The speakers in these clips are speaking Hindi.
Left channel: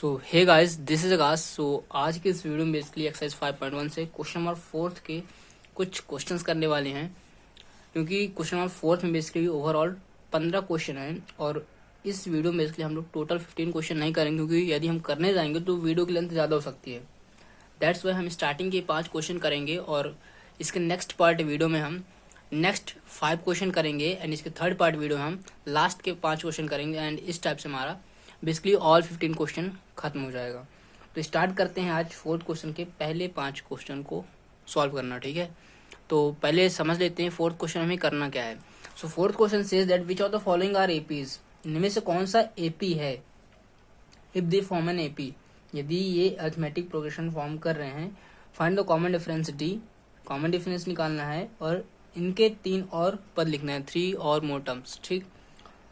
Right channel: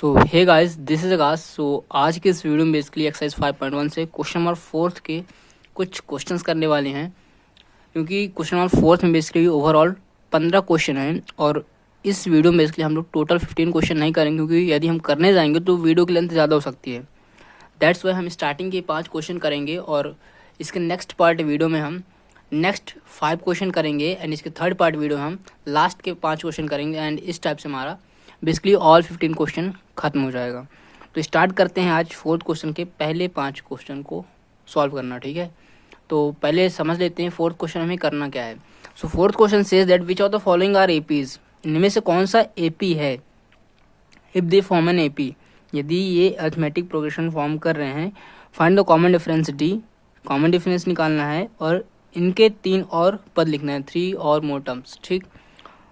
So hey guys, this is Akash. So आज के इस वीडियो में बेसिकली एक्सरसाइज 5.1 से क्वेश्चन नंबर 4 के कुछ क्वेश्चंस करने वाले हैं, क्योंकि क्वेश्चन नंबर 4 में बेसिकली ओवरऑल 15 क्वेश्चन हैं और इस वीडियो में बेसिकली हम लोग टोटल 15 क्वेश्चन नहीं करेंगे, क्योंकि यदि हम करने जाएंगे तो वीडियो की लेंथ ज़्यादा हो सकती है। दैट्स वाई हम स्टार्टिंग के 5 क्वेश्चन करेंगे और इसके नेक्स्ट पार्ट वीडियो में हम नेक्स्ट 5 क्वेश्चन करेंगे एंड इसके थर्ड पार्ट वीडियो हम लास्ट के 5 क्वेश्चन करेंगे एंड इस टाइप से हमारा बेसिकली ऑल 15 क्वेश्चन खत्म हो जाएगा। तो स्टार्ट करते हैं आज 4th क्वेश्चन के पहले 5 क्वेश्चन को सॉल्व करना, ठीक है। तो पहले समझ लेते हैं 4th क्वेश्चन हमें करना क्या है। So 4th question says that which of the following are APs, इनमें से कौन सा एपी है if they form an AP, यदि ये अरिथमेटिक प्रोग्रेशन फॉर्म कर रहे हैं। Find the common difference D, common difference निकालना है और इनके 3 और पद लिखना है, 3 और मोर टर्म्स, ठीक।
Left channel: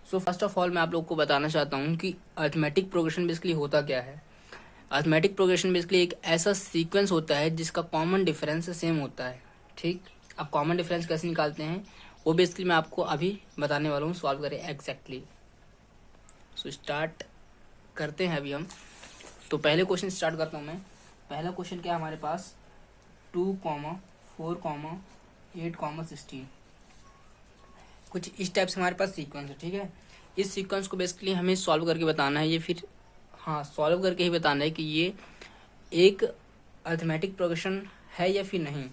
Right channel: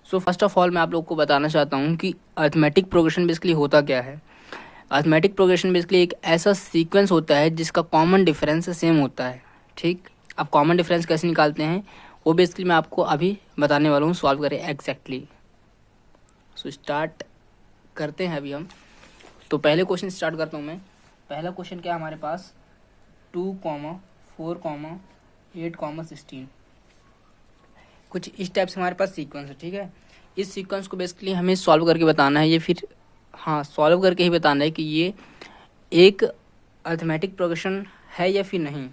सो फर्स्ट ऑफ ऑल मैं आप लोग को बताना चाहता हूँ कि अरिथमेटिक प्रोग्रेशन बेसिकली होता क्या है। अरिथमेटिक प्रोग्रेशन बेसिकली एक ऐसा सीक्वेंस होता है जिसका कॉमन डिफरेंस सेम होता है, ठीक। अब कॉमन डिफरेंस कैसे निकालते हैं वो बेसिकली मैं आपको अभी बताने वाला हूँ, सॉल्व करें एग्जैक्टली। सो स्टार्ट करते हैं अभी हम। तो पहले क्वेश्चन स्टार्ट करता हूँ मैं। पहला क्वेश्चन क्या है हमारे पास, 2, 4, 8, 16, कुछ इस टाइप से हमारे पास सीक्वेंस है, ठीक है। इस सीक्वेंस को बेसिकली हमें सॉल्व करके बताना है, ये फिर सॉल्व करके ही बताना है कि ये एक अरिथमेटिक प्रोग्रेशन है या फिर नहीं,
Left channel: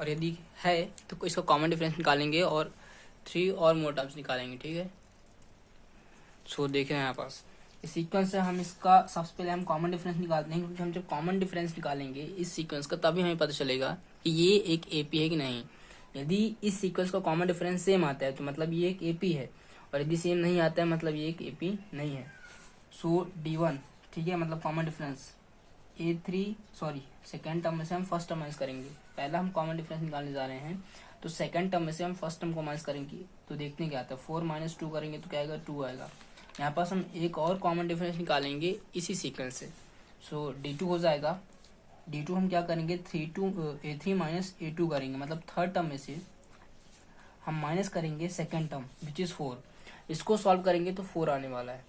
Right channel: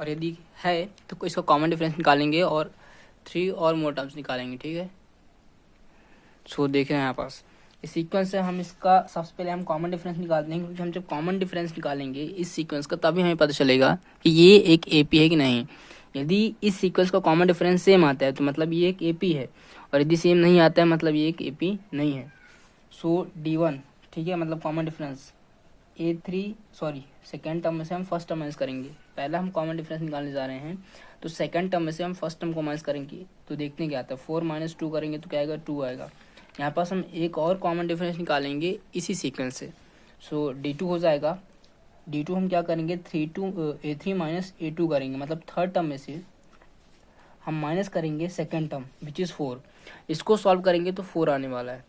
और यदि है तो इसका कॉमन डिफरेंस निकालेंगे और 3 और मोर टर्म्स निकालेंगे, ठीक है। सो देख रहे हैं यहाँ पास इस सीक्वेंस से हम इसका सबसे पहले हम कॉमन डिफरेंस निकालते हैं, क्योंकि हम जब कॉमन डिफरेंस निकालेंगे इस सीक्वेंस का तभी हमें पता चलेगा कि ये एक एपी है कि नहीं। यदि इस सीक्वेंस का कॉमन डिफरेंस सेम आता है तो मतलब ये एक एपी है, और यदि सेम नहीं आता है मतलब ये एक एपी नहीं है। सो D1, ठीक है, मतलब कॉमन डिफरेंस सेकेंड टर्म में से हम फर्स्ट टर्म माइनस करेंगे। पहला हम कॉमन डिफरेंस निकालने जा रहे हैं तो सेकेंड टर्म में से हम फर्स्ट टर्म को माइनस करेंगे, तो देखते हैं क्या आता है। 4 - 2 करेंगे तो क्या आएगा, 2 आएगा। यहाँ पास हम एक और कॉमन डिफरेंस निकालेंगे इसी सीक्वेंस से। सो D2 हो जाएगा। D2 हम क्या करेंगे, A3 - A2 करेंगे, मतलब थर्ड टर्म में से हम माइनस करेंगे सेकेंड टर्म विच इज़ 4। इसको सॉल्व करेंगे तो 4 आने वाला है।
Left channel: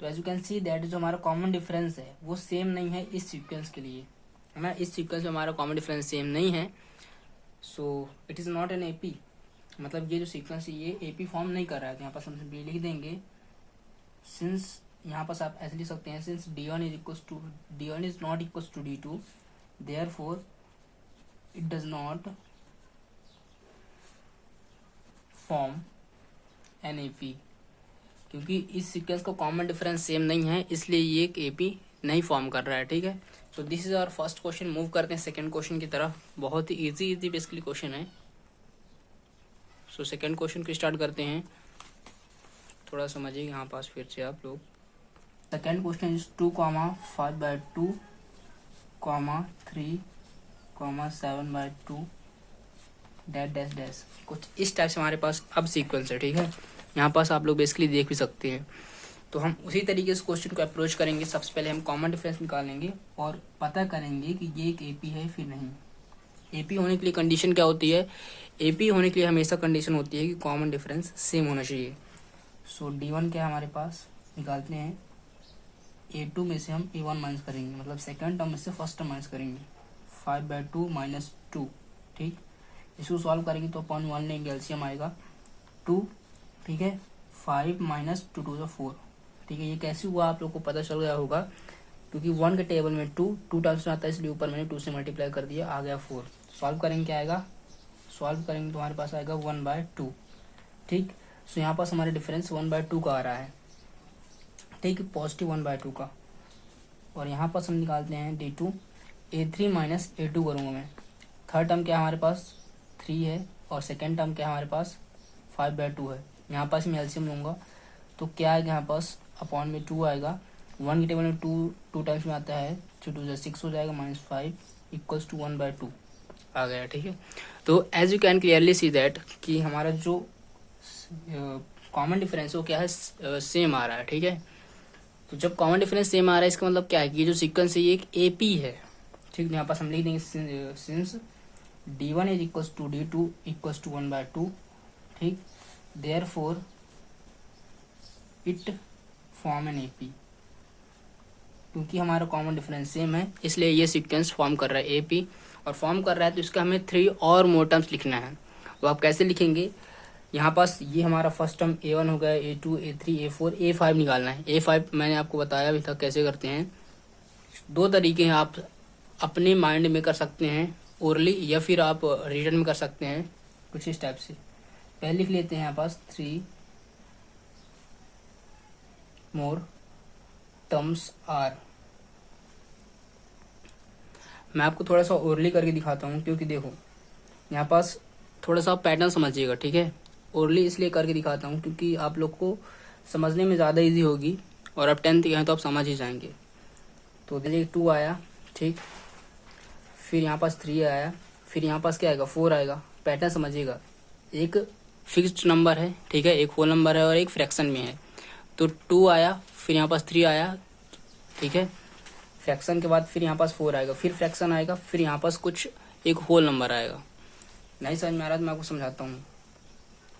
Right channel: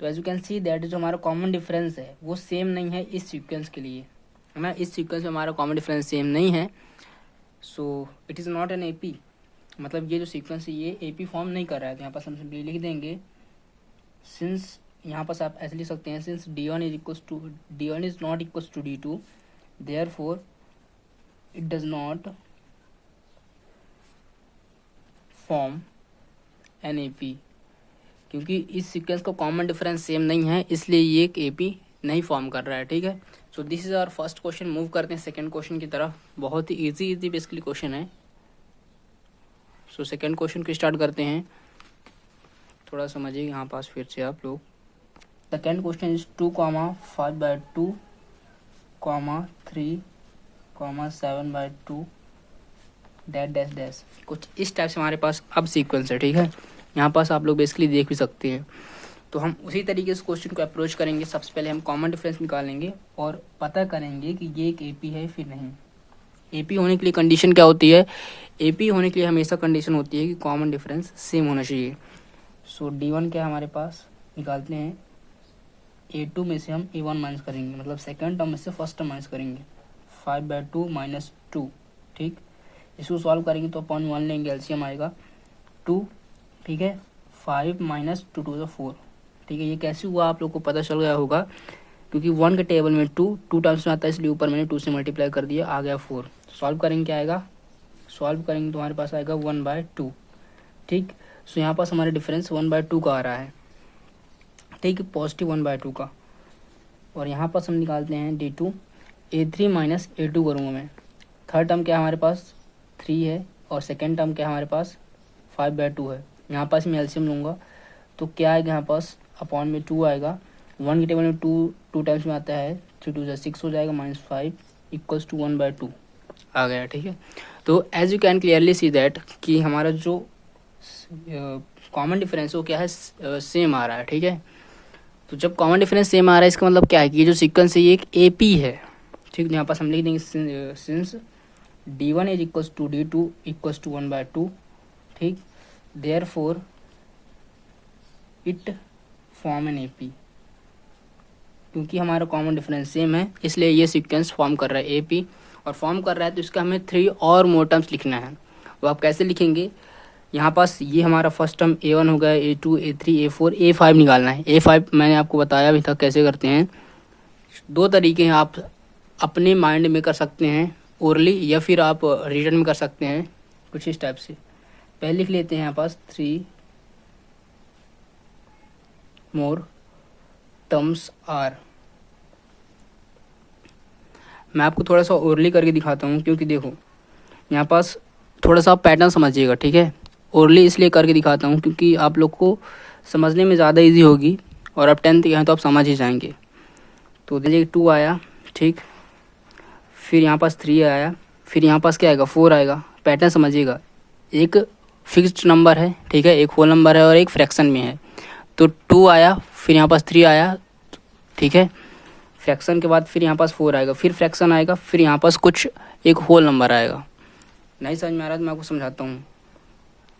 तो as you can see that जो हमारा कॉमन डिफरेंस है वो सेम नहीं है इस सीक्वेंस के लिए, है ना। इस सीक्वेंस में हमारा कॉमन डिफरेंस सेम नहीं है, so it is not an AP. मतलब ये जो सीक्वेंस है ये एपी फॉर्म नहीं कर रहा है। तो यहाँ पास हम सिंपली लिख देंगे सिंस, यहाँ पास आप ऐसे लिख सकते हैं, since D1 is not equals to D2, therefore it does not form an AP. क्योंकि इस सीक्वेंस का कॉमन डिफरेंस सेम नहीं है इसलिए ये एक एपी नहीं फॉर्म कर रहा है, ठीक है। So this is our first question. Move करते हैं सेकंड क्वेश्चन की तरफ। बहुत ही इजी बेसिकली क्वेश्चन है। सो सेकंड क्वेश्चन को स्टार्ट करते हैं, थोड़ा समझिए यहाँ पास फिर से आप लोग। Second question is 2, 5/2, 3, 7/2 dash. कुछ इस टाइप से हमारे पास अब सीक्वेंस है, ठीक है। यहाँ पास आप लोग बेसिकली देख भी सकते हैं। तो हम उसी तरीके से क्वेश्चन को अप्रोच करेंगे। सबसे पहले हम कॉमन डिफरेंस निकालेंगे और पता करेंगे कि ये एक एपी है फिर नहीं। एपी होने के लिए कंडीशन क्या होती है, एपी होने के लिए हमेशा कंडीशन होती है कि कॉमन डिफरेंस सेम होना चाहिए। सो D1 क्या है हमारे पास, निकालते हैं। A2 में से हम A1 माइनस करेंगे, मतलब सेकेंड टर्म में से फर्स्ट टर्म माइनस करेंगे। 5/2 - 2, ठीक। इसको सॉल्व करेंगे तो अपन 1 लेंगे, एलसीएम आएगा 2, ठीक है। 5 - 2 × 4, ठीक है। ये कैसे हुआ आप लोग को पता चल गया होगा, क्योंकि 1 के टेबल में 2 टाइम्स में आता है, इसलिए ऊपर मैंने 2 से मल्टीप्लाई कर दिया, आ गया 4। सॉल्व करेंगे क्या आएगा, सॉल्व करेंगे तो हमारे पास आएगा 1/2, ठीक। सो यहाँ पास हमारा डिफरेंस 1/2 का आ रहा है, ठीक, पॉजिटिव 1/2 का। और यहाँ पास हम निकालते हैं D2, A3 - A2 करूँगा मैं। थर्ड टर्म क्या है हमारे पास, 3 है, और सेकेंड टर्म क्या है हमारे पास, 5/2 है। यहाँ पास मैं एलसीएम लूँगा तो क्या आएगा, यहाँ पास अपॉन में 2 आएगा। 1 के टेबल में 2 टाइम्स में आता है, 3 × 2 = 6 हो जाएगा, -5 = 1/2 आ गया, ठीक है। तो as you can clearly see that कि हमारा जो कॉमन डिफरेंस वो क्या है, सेम आ रहा है, ठीक है। तो जब कॉमन डिफरेंस सेम आ रहा है इसका मतलब क्या है कि ये जो सीक्वेंस है ये एक एपी है, ठीक। यहाँ पास हम लिख देंगे सिंस D1 = D2 = 1/2, ठीक, therefore it form an AP. क्योंकि हमारा कॉमन डिफरेंस सेम है इसलिए ये सीक्वेंस फॉर्म कर रहा है AP और फॉर्म कर रहा है, तो इसका हमें 3 और मोर टर्म्स लिखना है। वो आप कैसे लिखेंगे, यहाँ पास ये हमारा फर्स्ट टर्म A1 हो गया, A2, A3, A4, A5 निकालना है। A5 मैंने आपको बताया भी था कैसे करते हैं। 2 तरीके हैं, आप अपने माइंड में कर सकते हैं ओरली या फिर आप रिटन में कर सकते हैं कुछ इस टाइप से। पहले लिख लेते हैं यहाँ पास 3 मोर टर्म्स आर। मैं आपको थोड़ा सा ओरली करके दिखाता हूँ, क्योंकि देखो यहाँ पास थोड़ा सा पैटर्न समझिएगा, ठीक है। ओरली इसलिए करके दिखाता हूँ क्योंकि आप लोग को समझने में ज़्यादा इजी होगी और अब 10th के हैं तो आप समझ ही जाएंगे। तो देखिए 2 आया, ठीक, फिर यहाँ पास 3 आया, फिर यहाँ पास क्या आएगा 4 आएगा। पैटर्न समझिएगा, एक फिक्स्ड नंबर है, ठीक है, एक होल नंबर है और एक फ्रैक्शन में है। तो 2 आया, फिर यहाँ पास 3 आया, ठीक है, फ्रैक्शन के बाद फिर यहाँ पास 4 आएगा, फिर फ्रैक्शन आएगा, फिर यहाँ पास कुछ एक होल नंबर आएगा। नहीं समझ में आ रहा तो मैं आपको समझाता हूँ।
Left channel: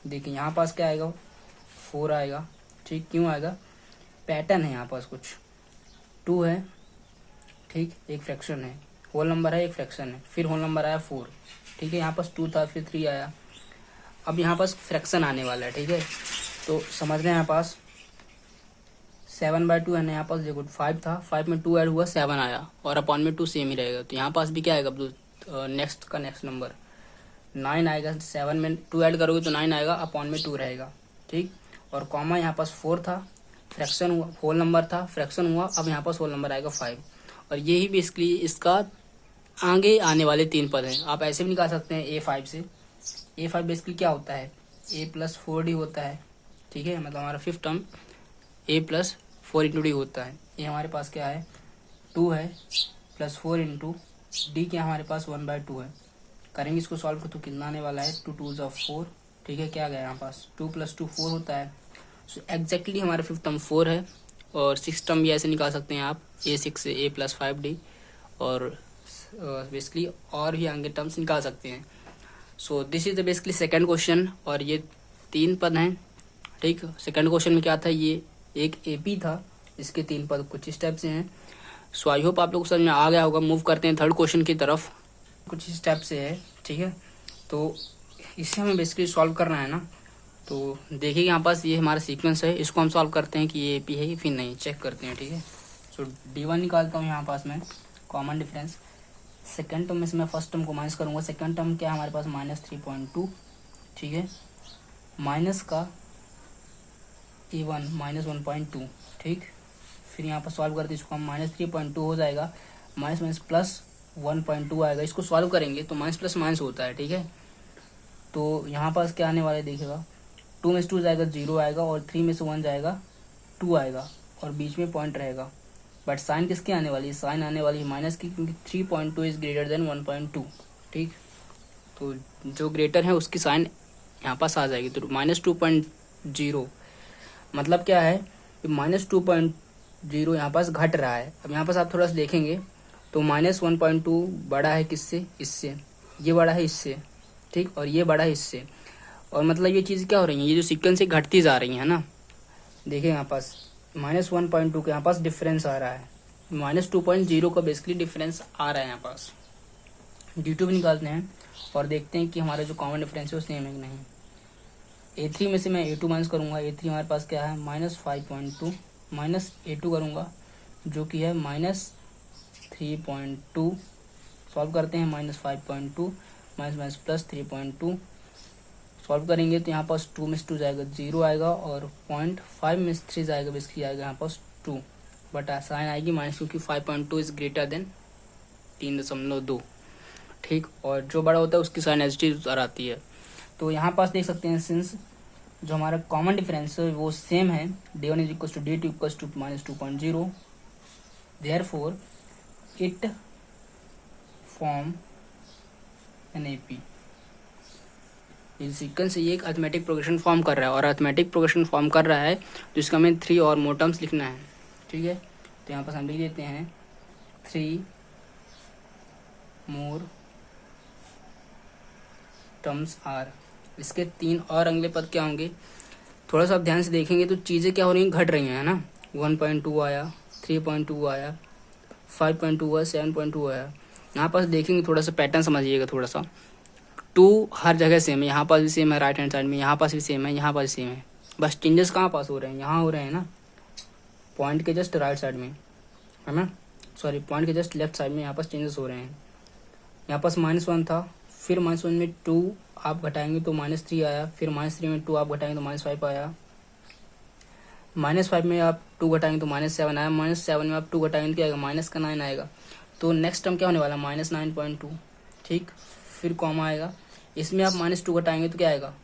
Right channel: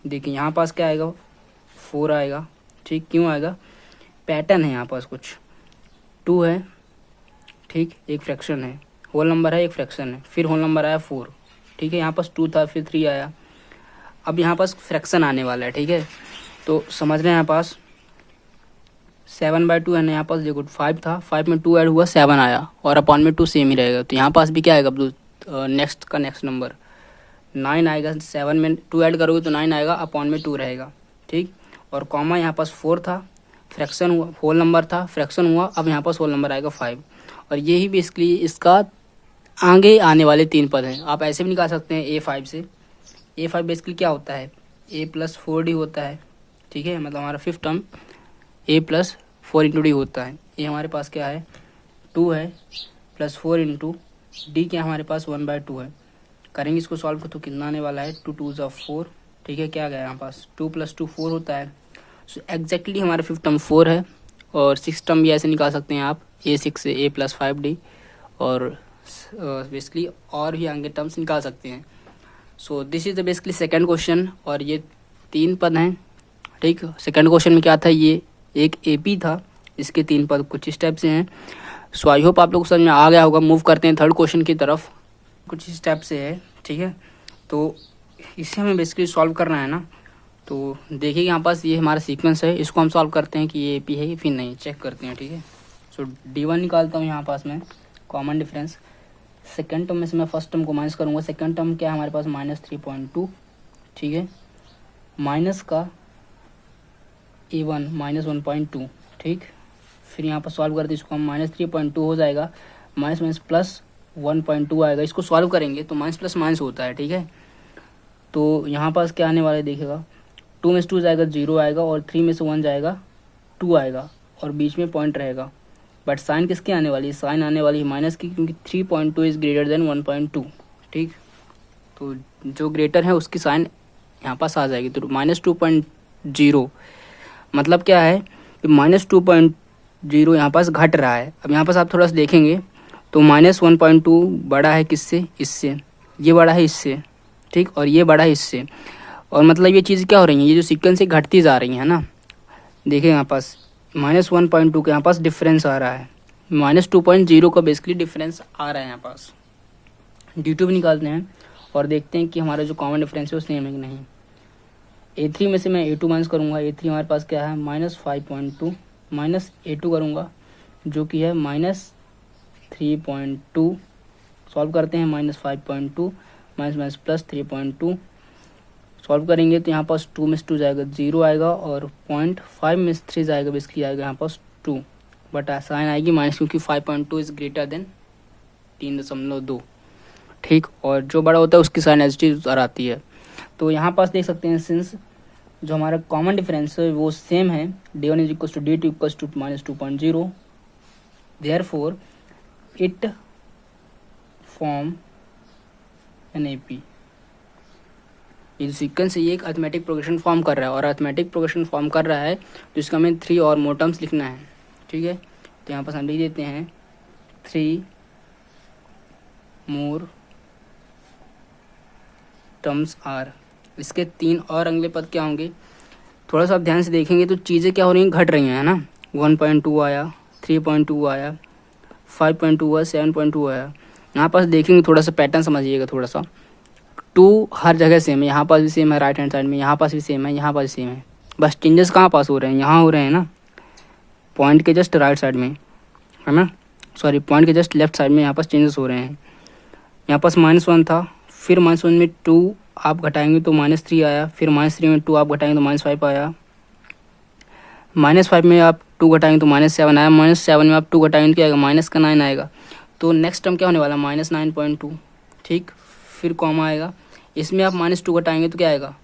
देखिए यहाँ पास क्या आएगा 4 आएगा, ठीक, क्यों आएगा, पैटर्न है यहाँ पास कुछ 2 है, ठीक, एक फ्रैक्शन है, होल नंबर है, एक फ्रैक्शन है, फिर होल नंबर आया 4, ठीक है, यहाँ पास 2 था, फिर 3 आया, अब यहाँ पास फ्रैक्शन आने वाला है, ठीक है। तो समझ रहे हैं, यहाँ पास 7/2 है ना, यहाँ पास देखो 5 था, 5 में 2 ऐड हुआ 7 आया और अपॉन में 2 सेम ही रहेगा। तो यहाँ पास भी क्या आएगा नेक्स्ट का नेक्स्ट नंबर 9 आएगा, 7 में 2 ऐड करोगे तो 9 आएगा, अपॉन में 2 रहेगा, ठीक। और कॉमा यहाँ पास 4 था, फ्रैक्शन हुआ, होल नंबर था, फ्रैक्शन हुआ, अब यहाँ पास होल नंबर आएगा 5। और यही बेसिकली इसका आगे आने वाले 3 पद हैं। आप ऐसे भी निकाल सकते हैं A5 से। A5 बेसिकली क्या होता है, A+4D होता है, ठीक है, मतलब हमारा 5th टर्म A+4 × D होता है। ये हमारे पास क्या है 2 है, +4 × D क्या हमारे पास 1/2 है। करेंगे इसको सॉल्व तो कितना आने वाला है 2 2 4, ठीक है, क्या गया यहाँ पास 2 + 2 4 होता है। सो एग्जैक्टली हमारे 5th टर्म 4 है। और 6th टर्म भी ऐसे निकाल सकते हैं आप, A6 से A+5D, और बेसिकली और भी आगे टर्म्स निकाल सकते हैं। सो this is the basically second question, और ये 3 पद हैं, ठीक। सेकंड क्वेश्चन में क्या था, ये एक AP था, इसके 3 पद कुछ इस टाइप से हैं। सो आई होप आप लोग को समझ में आ गया होगा। मूव करते हैं थर्ड क्वेश्चन की तरफ। कुछ इस टाइप से है, ठीक है, तो इसे हमें बेसिकली सॉल्व करना है ना। तो देखिए यहाँ पास ये हमारा सीक्वेंस है, इसको हम सॉल्व करते हैं कि ये AP है फिर नहीं, चेक करते हैं, ठीक है। सो D1 निकालता हूँ यहाँ पास मैं, कॉमन डिफरेंस। सेकंड टर्म में से मैं फर्स्ट टर्म को माइनस करूँगा। सेकंड टर्म क्या है हमारे पास -3.2, ठीक है, माइनस का A1 -1.2, ठीक। फिर यहाँ पर सॉल्व करते इसको हम, -3.2 हो जाएगा, माइनस माइनस प्लस 1.2 आएगा। इसको सॉल्व करेंगे तो माइनस प्लस माइनस होता है, ठीक है। तो यहाँ पास क्या आने वाला है देखिएगा, 2 में से 2 जाएगा 0 आएगा, और 3 में से 1 जाएगा 2 आएगा, और बीच में पॉइंट रहेगा। बट साइन किसकी आने वाली है, साइन आने वाली है माइनस की, क्योंकि 3.2 इज ग्रेटर देन 1.2, ठीक। तो जो ग्रेटर है उसकी साइन यहाँ पास आ जाएगी। तो -2.0 मतलब क्या है कि -2.0 यहाँ पास घट रहा है। अब यहाँ पास आप थोड़ा सा देखेंगे तो -1.2 बड़ा है किससे, इससे, ये बड़ा है इससे, ठीक, और ये बड़ा है इससे। और मतलब ये चीज़ क्या हो रही है, ये जो सीक्वेंस है घटती जा रही है ना। देखिए यहाँ पास -1.2 के यहाँ पास डिफरेंस आ रहा है, -2.0 का बेसिकली डिफरेंस आ रहा है यहाँ पास। D2 भी निकालते हैं और देखते हैं कि हमारा जो कॉमन डिफरेंस है वो सेम है कि नहीं। A3 में से मैं A2 माइनस करूँगा। A3 हमारे पास क्या है -5.2, माइनस A2 करूँगा जो कि है -3.2। सॉल्व करते हैं, -5.2 माइनस +3.2 सॉल्व करेंगे तो यहाँ पास 2 में से 2 जाएगा 0 आएगा, और 0.5 में से 3 जाएगा बेसिकली आएगा यहाँ पास 2, बट साइन आएगी माइनस, क्योंकि 5.2 इज ग्रेटर देन 3.2, ठीक। और जो बड़ा होता है उसकी साइन एज आती है। तो यहाँ पास देख सकते हैं, सिंस जो हमारा कॉमन डिफरेंस है वो सेम है, D1 = D2 = -2.0, therefore it form an AP। ये सीक्वेंस है, ये एक अर्थमेटिक प्रोग्रेशन फॉर्म कर रहा है, और अर्थमेटिक प्रोग्रेशन फॉर्म कर रहा है तो इसका हमें 3 और मोर टर्म्स लिखना है, ठीक है। तो यहाँ पर हम लिख देते हैं 3 मोर टर्म्स आर। इसके 3 और अगले पद क्या होंगे, थोड़ा सा आप ध्यान से देखेंगे तो चीज़ें क्या हो रही हैं, घट रही हैं, है ना। 1.2 आया, 3.2 आया, 5.2 आया, 7.2 आया। यहाँ पास देखेंगे थोड़ा सा पैटर्न समझिएगा थोड़ा सा। 2 हर जगह सेम है, यहाँ पास भी सेम है, राइट हैंड साइड में यहाँ पास भी सेम है, यहाँ पास भी सेम है। बस चेंजेस कहाँ पास हो रहे हैं, यहाँ हो रहे हैं ना, पॉइंट के जस्ट राइट साइड में, है ना, सॉरी पॉइंट के जस्ट लेफ्ट साइड में यहाँ पास चेंजेस हो रहे हैं। यहाँ पास -1 था, फिर -1 में 2 आप घटाएंगे तो -3 आया, फिर -3 में 2 आप घटाएंगे तो -5 आया, -5 में आप 2 घटाएंगे तो -7 आया, -7 में आप 2 घटाएंगे तो क्या आएगा, -9 आएगा। तो नेक्स्ट टर्म क्या होने वाला, -9.2, ठीक। फिर कॉमा आएगा, इसमें आप -2 घटाएंगे तो क्या आएगा,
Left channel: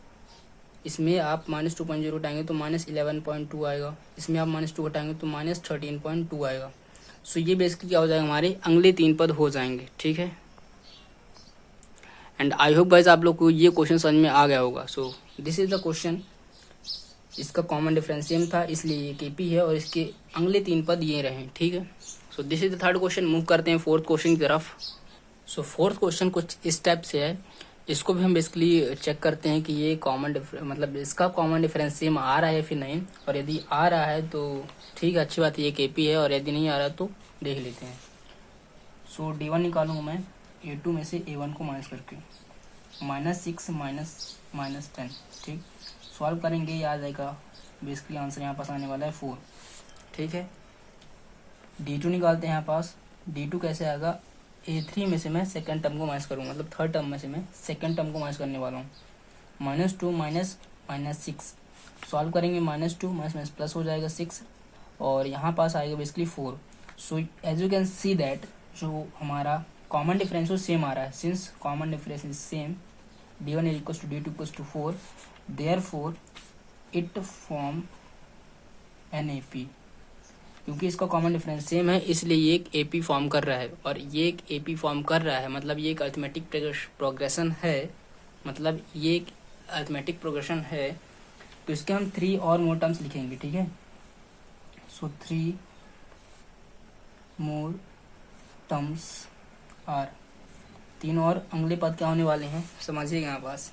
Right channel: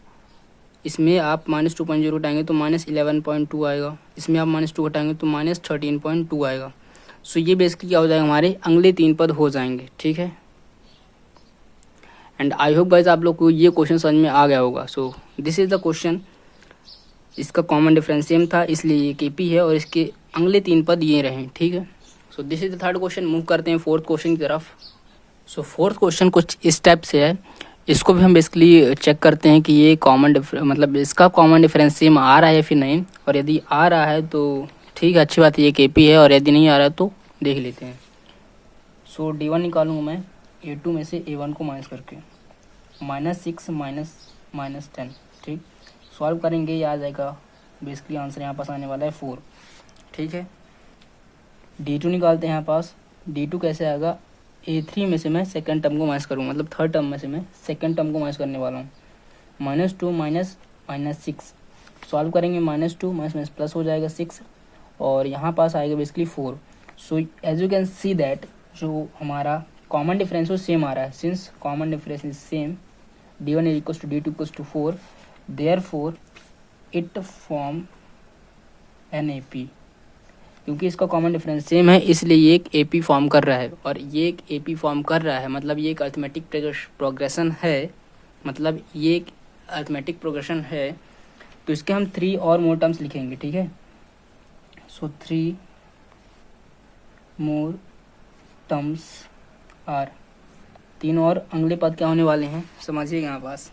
इसमें आप -2.0 घटाएंगे तो -11.2 आएगा, इसमें आप -2 घटाएंगे तो -13.2 आएगा। सो ये बेसिकली क्या हो जाएगा, हमारे अगले 3 पद हो जाएंगे, ठीक है। एंड आई होप गाइस आप लोग को ये क्वेश्चन समझ में आ गया होगा। सो दिस इज द क्वेश्चन, इसका कॉमन डिफरेंस सेम था इसलिए ये केपी है और इसके अगले 3 पद ये रहे, ठीक है। So this is the third question. Move करते हैं फोर्थ क्वेश्चन की तरफ। सो फोर्थ क्वेश्चन कुछ इस टाइप से है, इसको भी हम बेसिकली चेक करते हैं कि ये कॉमन मतलब इसका कॉमन डिफरेंस सेम आ रहा है या फिर नहीं, और यदि आ रहा है तो ठीक है, अच्छी बात है, ये केपी है, और यदि नहीं आ रहा है तो देख लेते हैं। सो D1 निकालूंगा मैं A2 में से A1 को माइनस करके, -6 -10, ठीक। सॉल्व करेंगे, ये आ जाएगा बेसिकली आंसर यहाँ पास आने वाला है 4, ठीक है। D2 निकालते हैं यहाँ पास, D2 कैसे आएगा, A3 में से मैं सेकंड टर्म को माइनस करूँगा, मतलब थर्ड टर्म में से मैं सेकंड टर्म को माइनस करने वाला हूँ। -2 -6 सॉल्व करेंगे, -2 माइनस प्लस हो जाएगा 6, और यहाँ पास आएगा basically 4। So as you can see that जो हमारा कॉमन डिफरेंस वो सेम आ रहा है, since common difference is same, D1 = D2 = 4, therefore it form an AP। क्योंकि इसका कॉमन डिफरेंस सेम है इसलिए ये एक AP फॉर्म कर रहा है, और ये एक AP फॉर्म कर रहा है मतलब ये एक अरिथमेटिक प्रोग्रेशन है, मतलब ये एक अरिथमेटिक प्रोग्रेशन है। तो इसके हम 3 और मोर टर्म्स लिखेंगे, ठीक है। सो 3 मोर टर्म्स आर, 3 और अगले पद क्या होने वाले हैं समझिएगा। यहाँ पास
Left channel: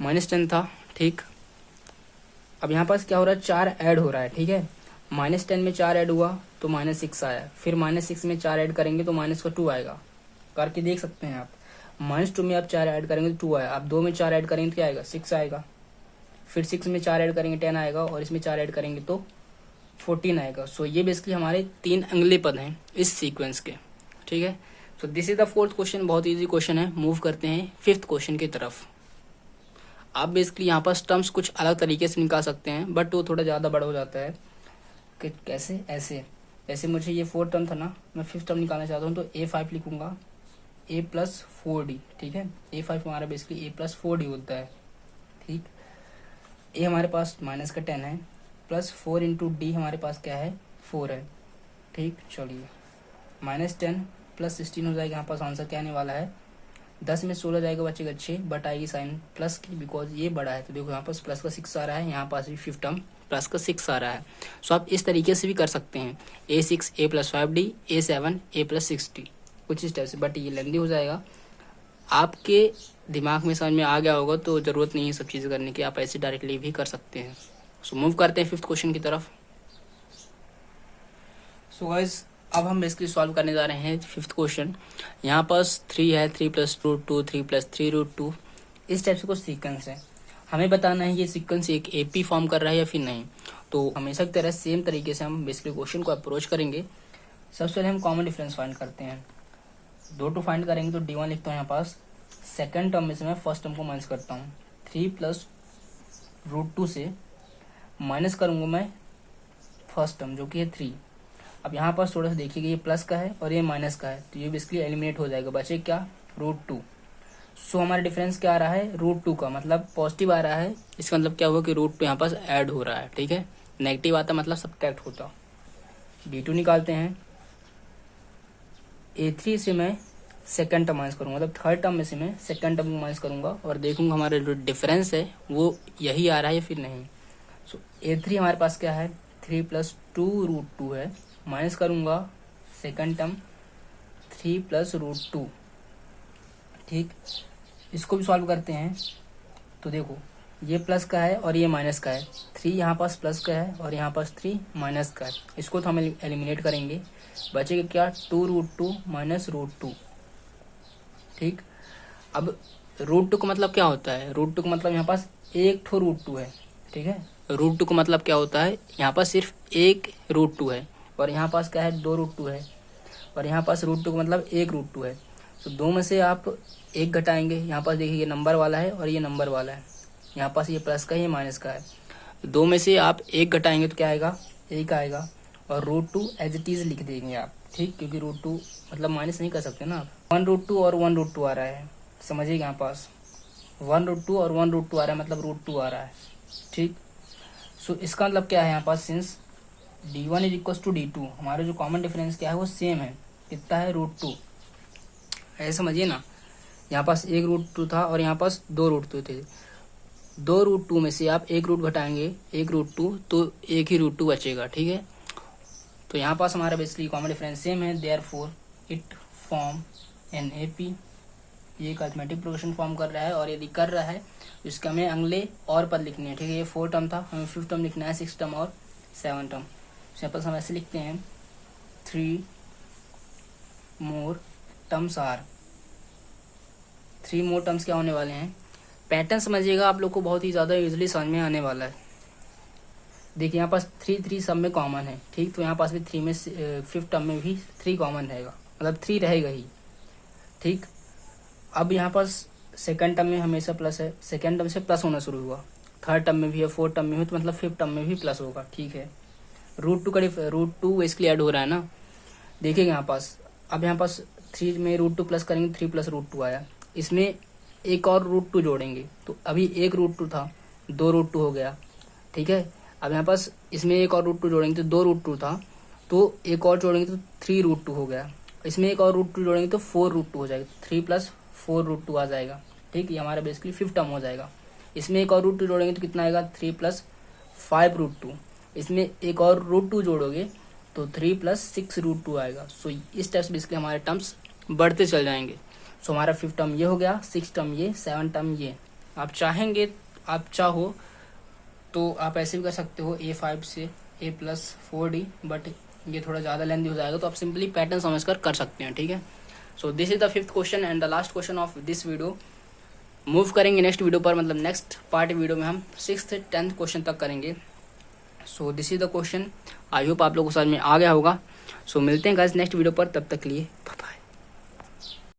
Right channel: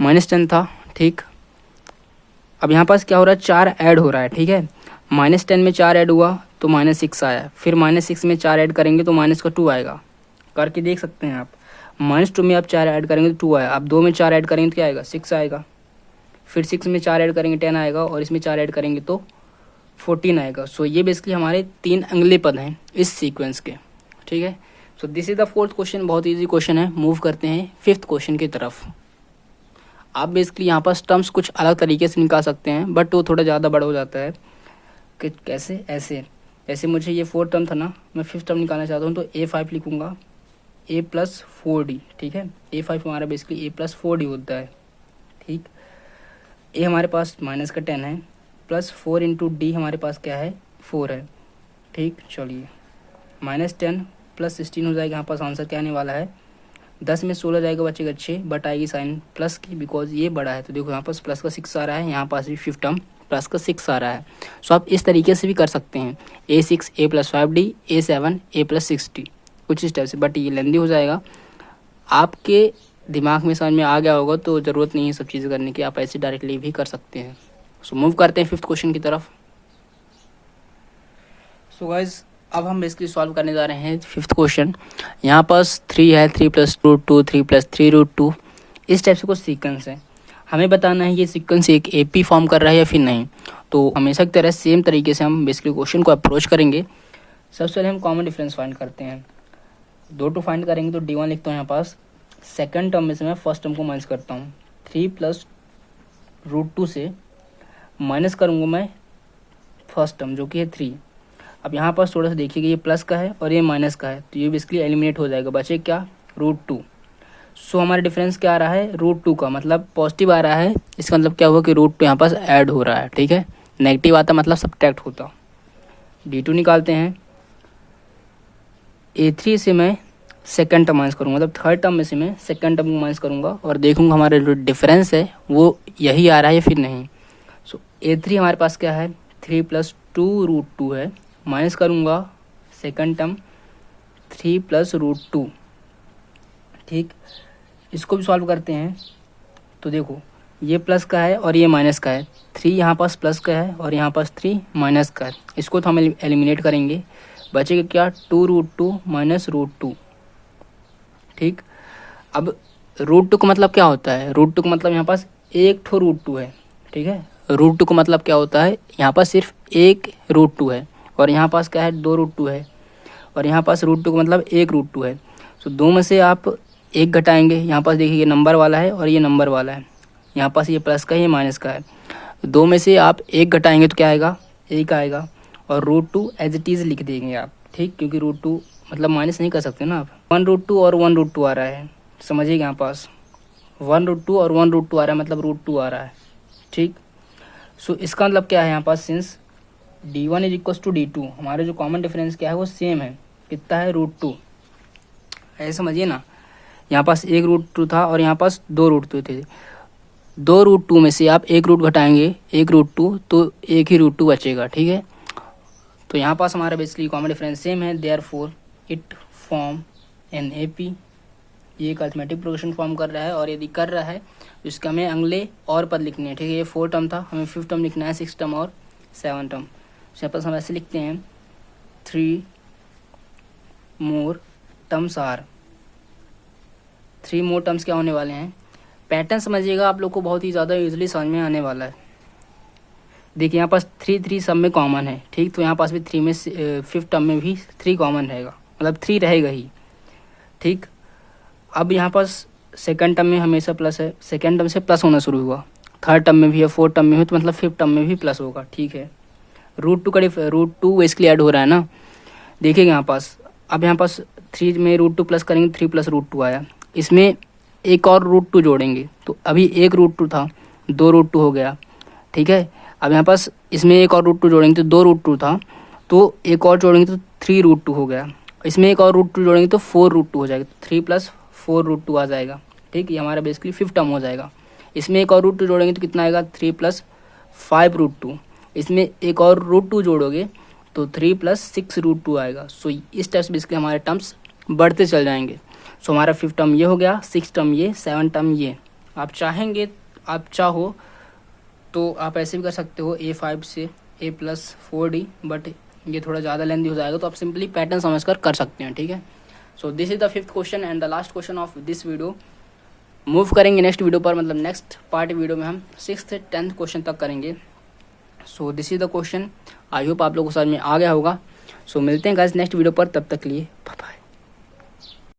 -10 था, ठीक। अब यहाँ पास क्या हो रहा है, 4 ऐड हो रहा है, ठीक है। -10 में 4 ऐड हुआ तो -6 आया, फिर -6 में 4 ऐड करेंगे तो -2 आएगा, करके देख सकते हैं आप। -2 में आप 4 ऐड करेंगे तो 2 आया, अब 2 में 4 ऐड करेंगे तो क्या आएगा, 6 आएगा, फिर 6 में 4 ऐड करेंगे 10 आएगा, और इसमें 4 ऐड करेंगे तो 14 आएगा। सो ये बेसिकली हमारे 3 अगले पद हैं इस सीक्वेंस के, ठीक है। So this is the fourth question, बहुत ईजी क्वेश्चन है। मूव करते हैं फिफ्थ क्वेश्चन की तरफ। आप बेसिकली यहाँ पास टर्म्स कुछ अलग तरीके से निकाल सकते हैं, बट वो थोड़ा ज़्यादा बड़ा हो जाता है। कि कैसे, ऐसे मुझे ये 4 टर्म था ना, मैं 5th टर्म निकालना चाहता हूँ तो A5 लिखूंगा, A+4D, ठीक है। A5 हमारा बेसिकली A+4D होता है, ठीक। A हमारे पास -10 है, +4 × D हमारे पास क्या है, 4 है, ठीक। चलिए -10 + 16 हो जाएगा, यहाँ पास आंसर क्या आने वाला है, 10 में 16 जाएगा, बचेगा 6, बट आएगी साइन प्लस की, बिकॉज ये बड़ा है। तो देखो यहाँ पास प्लस का 6 आ रहा है, यहाँ पास भी 5th टर्म प्लस का 6 आ रहा है। सो आप इस तरीके से भी कर सकते हैं, A6 A+5D, A7 A+6D, कुछ इस टाइप से, बट ये लेंदी हो जाएगा। आपके दिमाग में समझ में आ गया होगा तो ज़रूरत नहीं है सब चीज़ें करने की, आप ऐसे डायरेक्टली भी कर सकते हैं। सो मूव करते हैं 5th क्वेश्चन की तरफ। सो गाइज अब हम बेसिकली सॉल्व करने जा रहे हैं 5th क्वेश्चन। यहाँ पास 3 है, 3 + √2, 3 + 3√2, इस टाइप से कुछ सीक्वेंस है। हमें बताना है ये सीक्वेंस एक AP फॉर्म कर रहा है या फिर नहीं। तो हमेशा की तरह सेम तरीके से हम बेसिकली क्वेश्चन को अप्रोच करेंगे। सबसे पहले हम कॉमन डिफरेंस फाइंड करते हैं, 2 फाइंड करेंगे तो D1 लिखता हूँ यहाँ पास, सेकंड टर्म में से मैं फर्स्ट टर्म को माइनस करता हूँ, 3 + √2 से माइनस करूँगा मैं फर्स्ट टर्म जो कि है 3। अब यहाँ पास थोड़ा सा देखिएगा, ये प्लस का है और ये माइनस का है, तो ये बेसिकली एलिमिनेट हो जाएगा, बचे क्या, √2। सो हमारा डिफरेंस क्या आ रहा है, √2 का मतलब पॉजिटिव आ रहा है, इसका मतलब क्या हुआ कि √2 यहाँ पास ऐड हो रहा है, ठीक है। नेगेटिव आता मतलब सब्ट्रैक्ट होता। D2 निकालते हैं, A3 से मैं सेकंड टर्म माइनस करूँगा, मतलब थर्ड टर्म में से मैं सेकंड टर्म को माइनस करूँगा और देखूँगा हमारा जो डिफरेंस है वो यही आ रहा है या फिर नहीं। सो A3 हमारे पास क्या है, 3 + 2√2 है, माइनस करूँगा सेकंड टर्म 3 + √2, ठीक। इसको भी सॉल्व करते हैं तो देखो ये प्लस का है और ये माइनस का है, 3 यहाँ पास प्लस का है और यहाँ पास 3 माइनस का है। इसको तो हम एलिमिनेट करेंगे, बचेगा क्या 2√2 माइनस √2। ठीक, अब √2 का मतलब क्या होता है, √2 का मतलब यहाँ पास एक ठो √2 है। ठीक है, √2 का मतलब क्या होता है, यहाँ पास सिर्फ एक √2 है और यहाँ पास क्या है 2√2 है और यहाँ पास √2 का मतलब एक √2 है। तो दो में से आप एक घटाएंगे, यहाँ पास देखिए ये नंबर वाला है और ये नंबर वाला है, यहाँ पास ये प्लस का है ये माइनस का है। दो में से आप एक घटाएंगे तो क्या आएगा, एक आएगा और √2 एज इट इज़ लिख देंगे आप। ठीक, क्योंकि √2 मतलब माइनस नहीं कर सकते ना आप। 1√2 और 1√2 आ रहा है, समझिएगा यहाँ पास 1√2 और 1√2 आ रहा है मतलब √2 आ रहा है। ठीक, सो इसका मतलब क्या है यहाँ पास, since d1 is equal to d2, हमारे जो कॉमन डिफरेंस क्या है वो सेम है, कितना है √2। ऐसे समझिए ना, यहाँ पास एक √2 था और यहाँ पास 2√2 थे, 2√2 में से आप एक रूट घटाएंगे, एक √2 तो एक ही √2 बचेगा। ठीक है, तो यहाँ पास हमारा बेसिकली कॉमन डिफरेंस सेम है, therefore it form an AP। ये एक अरिथमेटिक प्रोग्रेशन फॉर्म कर रहा है और यदि कर रहा है तो इसका हमें अगले और पद लिखने हैं। ठीक है, ये 4 टर्म था, हमें 5th टर्म लिखना है, 6th टर्म और 7th टर्म। यहाँ पास हम ऐसे लिखते हैं 3 more terms are, 3 more terms क्या होने वाले हैं, पैटर्न समझिएगा आप लोग को बहुत ही ज़्यादा इजीली समझ में आने वाला है। देखिए यहाँ पास 3 सब में कॉमन है। ठीक, तो यहाँ पास भी 3 में 5th टर्म में भी 3 कॉमन रहेगा, मतलब 3 रहेगा ही। ठीक, अब यहाँ पास सेकंड टर्म में हमेशा प्लस है, सेकंड टर्म से प्लस होना शुरू हुआ, थर्ड टर्म में भी है, 4th टर्म में भी, तो मतलब 5th टर्म में भी प्लस होगा। ठीक है, √2 इसके लिए ऐड हो रहा है ना, देखिएगा यहाँ पास, अब यहाँ पास 3 में √2 प्लस करेंगे, 3 + √2 आया, इसमें एक और √2 जोड़ेंगे तो अभी एक √2 था, 2 √2 हो गया। ठीक है, अब यहाँ पास इसमें एक और √2 जोड़ेंगे तो 2 √2 था, तो एक और जोड़ेंगे तो 3 √2 हो गया, इसमें एक और √2 जोड़ेंगे तो 4 √2 हो जाएगा, 3 + 4 √2 आ जाएगा। ठीक, ये हमारा बेसिकली 5th टर्म हो जाएगा। इसमें एक और √2 जोड़ेंगे तो कितना आएगा, 3 + 5 √2, इसमें एक और √2 जोड़ोगे तो 3 + 6 √2 आएगा। सो इस टाइप से बेसिकली हमारे टर्म्स बढ़ते चल जाएंगे। सो हमारा 5th टर्म ये हो गया, 6th टर्म ये, 7th टर्म ये। आप चाहेंगे, आप चाहो तो आप ऐसे भी कर सकते हो A5 से A + 4D, बट ये थोड़ा ज़्यादा लेंथी हो जाएगा, तो आप सिंपली पैटर्न समझकर कर सकते हैं। ठीक है, so this is the 5th question and the last question of this video. Move करेंगे नेक्स्ट वीडियो पर, मतलब नेक्स्ट पार्ट वीडियो में हम 6th 10th क्वेश्चन तक करेंगे। सो this is the question, I hope आप लोगों को समझ में आ गया होगा। सो मिलते हैं गाइस नेक्स्ट वीडियो पर, तब तक के लिए बाय बाय।